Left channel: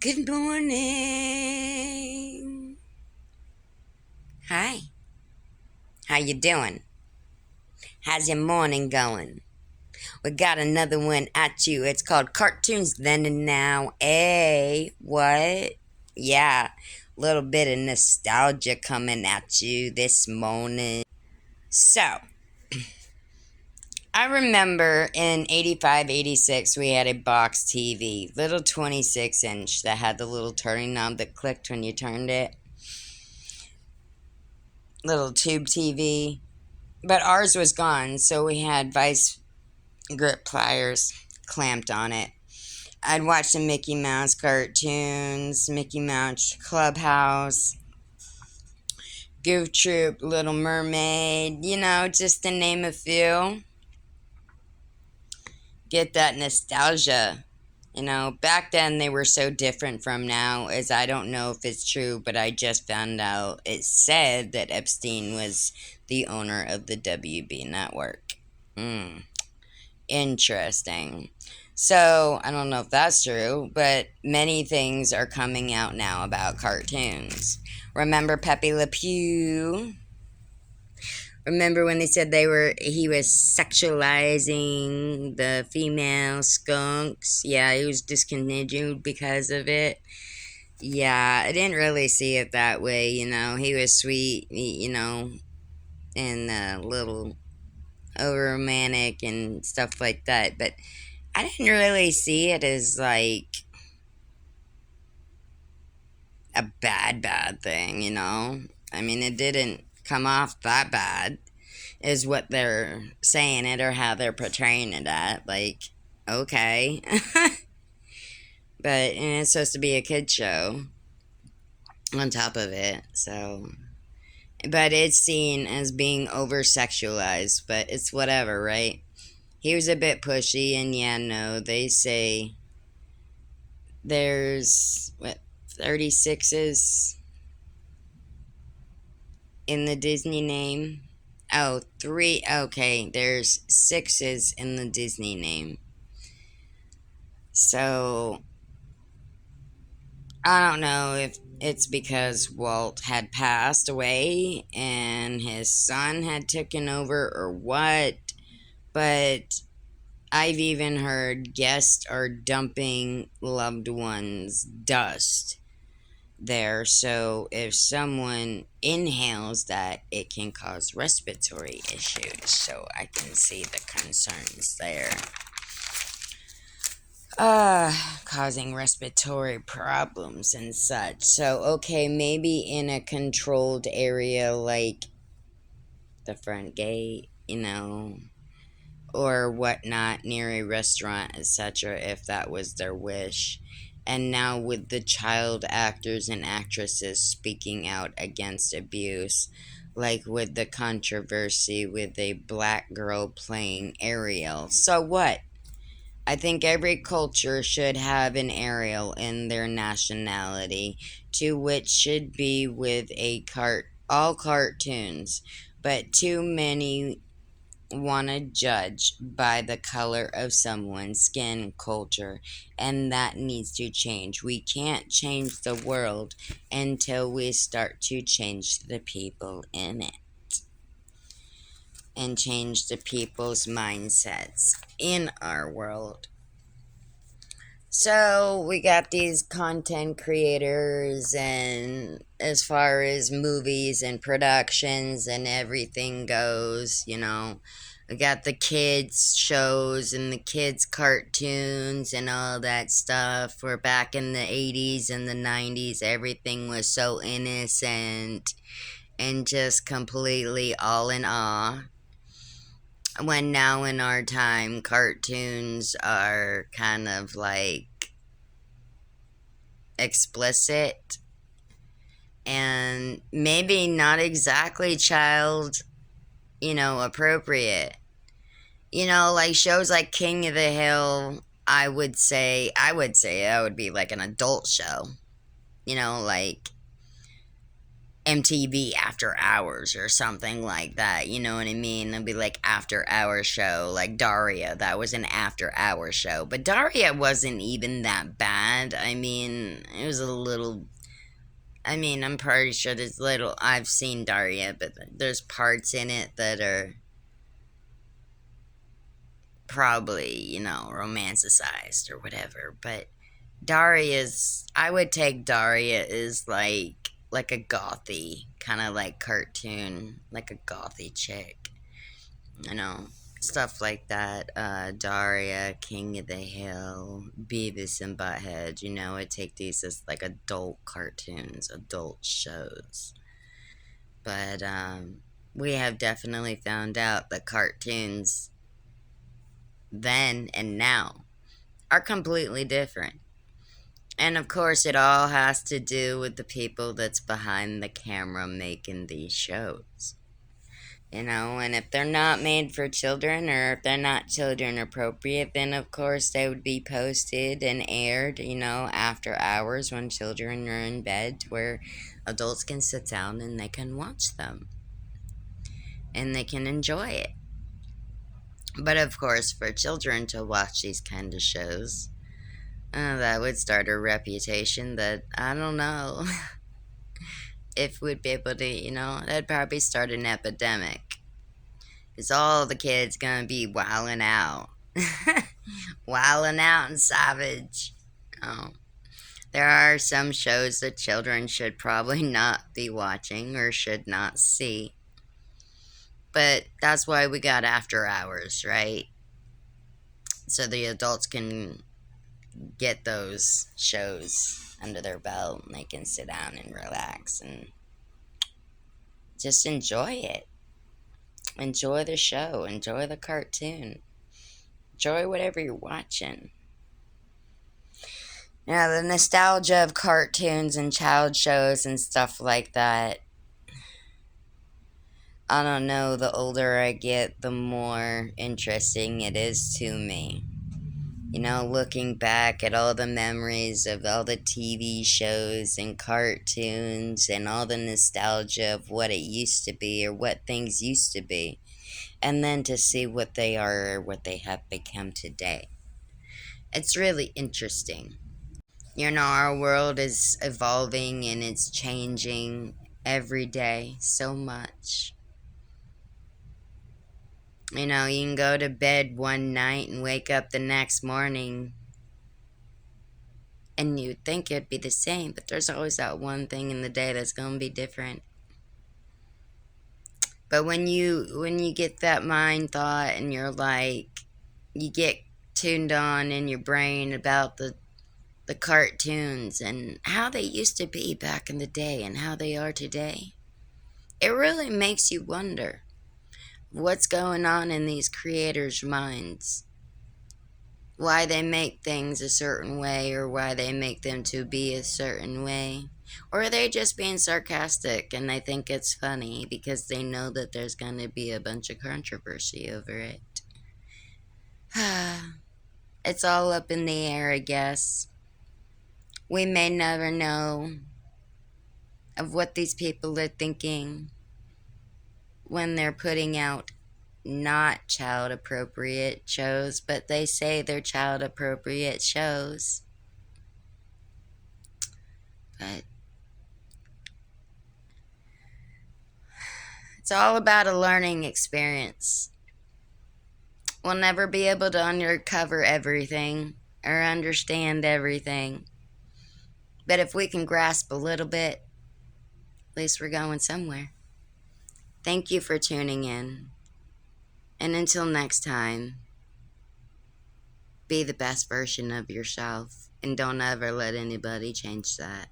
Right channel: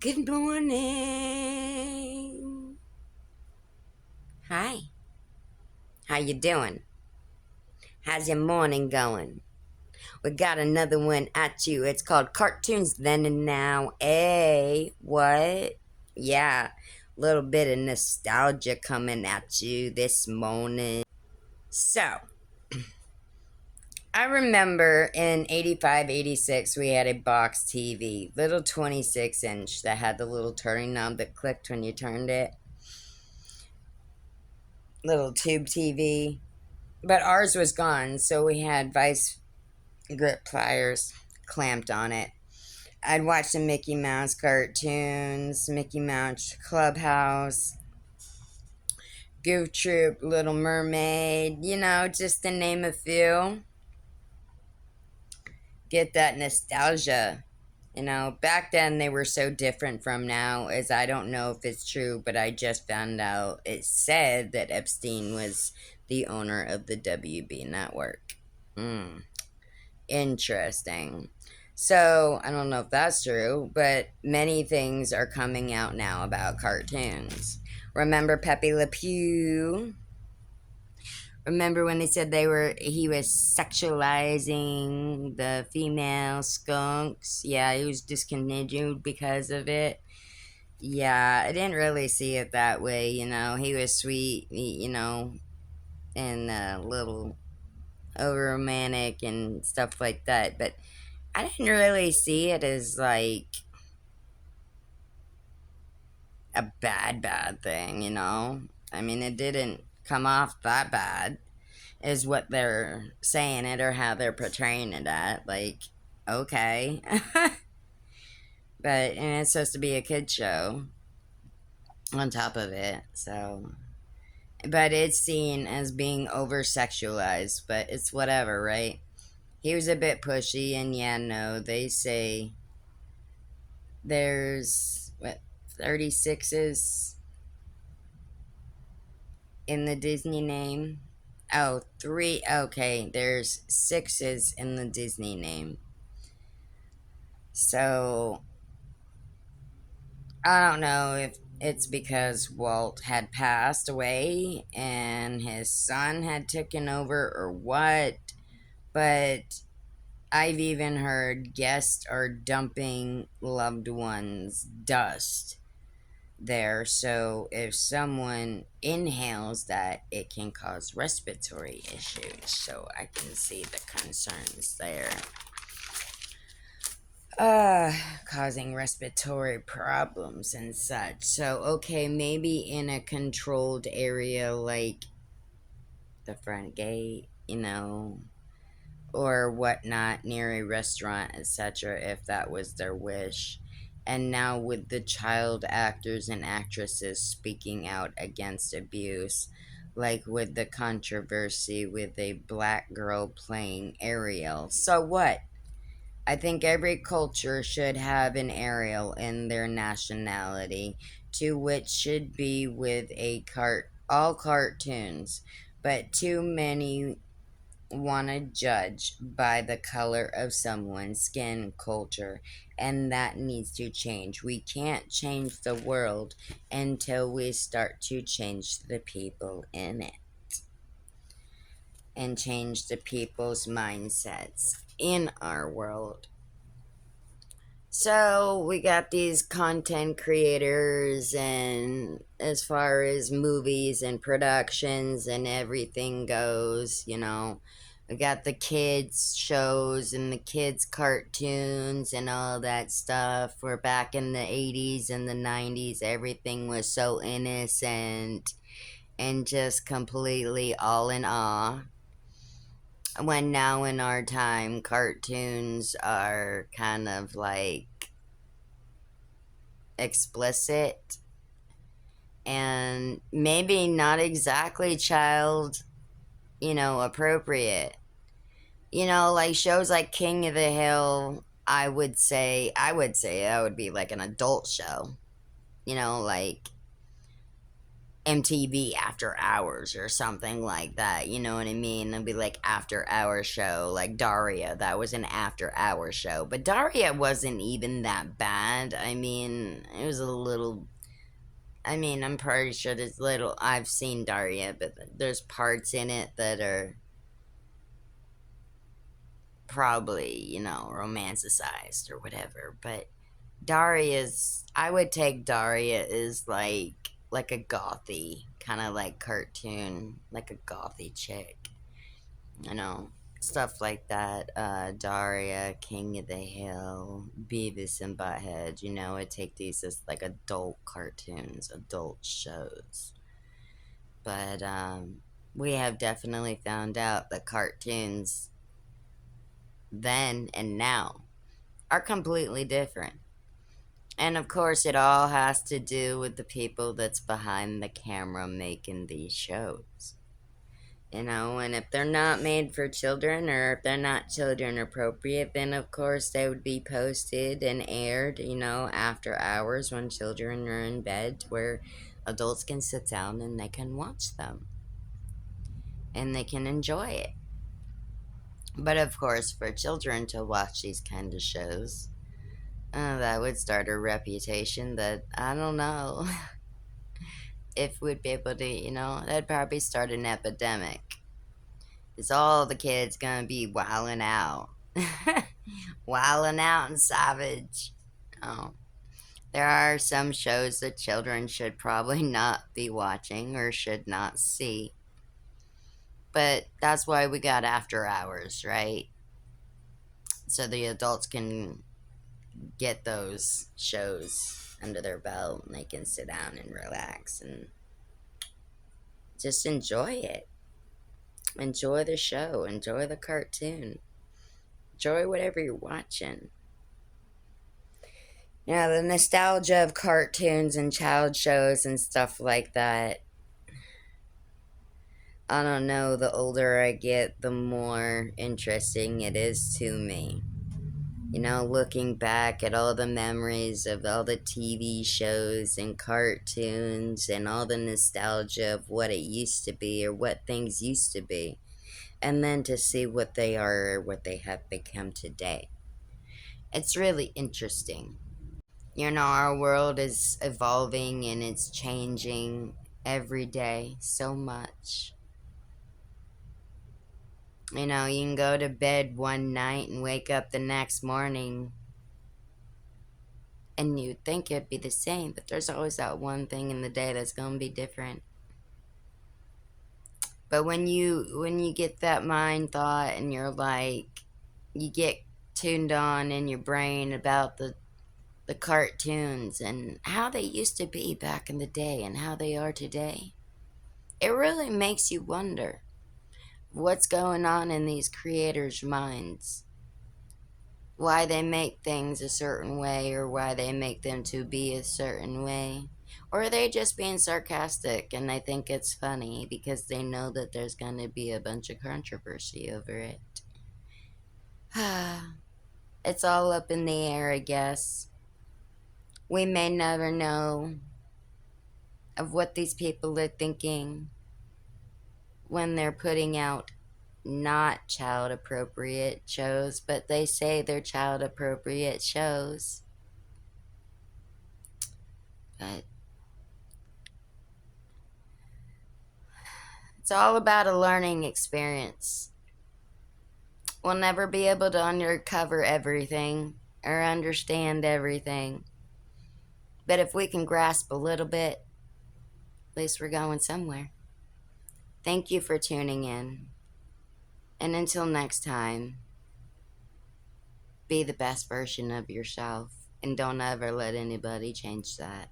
Good morning. Hi. How you doing? How's your morning going? We got another one at you. It's called Cartoons Then and Now. What? Yeah, little bit of nostalgia coming at you this morning. So, I remember in 85, 86, we had a box TV, little 26-inch that had the little turning knob that clicked when you turned it. Little tube TV. But ours was gone, so we had vice grip pliers clamped on it. I'd watch the Mickey Mouse cartoons, Mickey Mouse Clubhouse, Goof Troop, Little Mermaid, just to name a few. Get that nostalgia. Back then they were so different from now, as I don't know if it's true, but I just found out it said that Epstein was the owner of the WB network. Interesting. So, I don't know if that's true, but many things are coming out now about cartoons. Remember Pepe Le Pew? Remember when they said he was sexualizing the female skunks? Yeah, he was discontinued because of it. Yeah, I didn't really see it that way, He was sweet, and a little over romantic and stuff like that, but I didn't really see it as like a bad thing, I mean, it didn't come off that bad, is what they're saying it or how they're portraying it at. Like, okay. But and it's supposed to be a kid show on top of it, so. But it's seen as being over sexualized, but it's whatever, right? He was a bit pushy, and yeah, no, they say there's, 36s in the Disney name. Oh, three. Okay, there's sixes in the Disney name. So, I don't know if it's because Walt had passed away and his son had taken over or what, but I've even heard guests are dumping loved ones' dust there. So if someone inhales that, it can cause respiratory issues. So I can see the concerns there. Causing respiratory problems and such. So, okay, maybe in a controlled area like the front gate, or whatnot, near a restaurant, etc., if that was their wish. And now, with the child actors and actresses speaking out against abuse, like with the controversy with a black girl playing Ariel. So what? I think every culture should have an Ariel in their nationality, to which should be with all cartoons, but too many want to judge by the color of someone's skin culture, and that needs to change. We can't change the world until we start to change the people in it and change the people's mindsets in our world. So we got these content creators, and as far as movies and productions and everything goes, we got the kids shows and the kids cartoons and all that stuff. Where back in the 80s and the 90s, everything was so innocent and just completely all in awe. When now in our time, cartoons are kind of like explicit and maybe not exactly child, appropriate. Like shows like King of the Hill, I would be like an adult show. Like, MTV After Hours or something like that. You know what I mean? It'd be like after hour show, like Daria. That was an after hour show, but Daria wasn't even that bad. I mean, it was a little. I mean, I'm pretty sure there's little. I've seen Daria, but there's parts in it that are probably, romanticized or whatever. But Daria's, I would take Daria as like a gothy kind of like cartoon, like a gothy chick, you know, stuff like that. Daria, King of the Hill, Beavis and Butthead. I take these as like adult cartoons, adult shows. But we have definitely found out that cartoons then and now are completely different. And of course, it all has to do with the people that's behind the camera making these shows. And if they're not made for children or if they're not children appropriate, then of course they would be posted and aired, after hours when children are in bed where adults can sit down and they can watch them and they can enjoy it. But of course, for children to watch these kind of shows, that would start a reputation that I don't know if we'd be able to, that'd probably start an epidemic. It's all the kids gonna be wilding out. Wilding out and savage. Oh. There are some shows that children should probably not be watching or should not see. But that's why we got after hours, right? So the adults can get those shows under their belt and they can sit down and relax and just enjoy it. Enjoy the show, enjoy the cartoon, enjoy whatever you're watching. The nostalgia of cartoons and child shows and stuff like that. I don't know, the older I get, the more interesting it is to me. Looking back at all the memories of all the TV shows and cartoons and all the nostalgia of what it used to be or what things used to be, and then to see what they are or what they have become today. It's really interesting. Our world is evolving and it's changing every day so much. You can go to bed one night and wake up the next morning and you'd think it'd be the same, but there's always that one thing in the day that's going to be different. But when you get that mind thought and you're like, you get tuned on in your brain about the cartoons and how they used to be back in the day and how they are today, it really makes you wonder what's going on in these creators' minds. Why they make things a certain way or why they make them to be a certain way. Or are they just being sarcastic and they think it's funny because they know that there's going to be a bunch of controversy over it? It's all up in the air, I guess. We may never know of what these people are thinking when they're putting out not child appropriate shows, but they say they're child appropriate shows. But it's all about a learning experience. We'll never be able to uncover everything or understand everything. But if we can grasp a little bit, at least we're going somewhere. Thank you for tuning in. And until next time, be the best version of yourself and don't ever let anybody change that.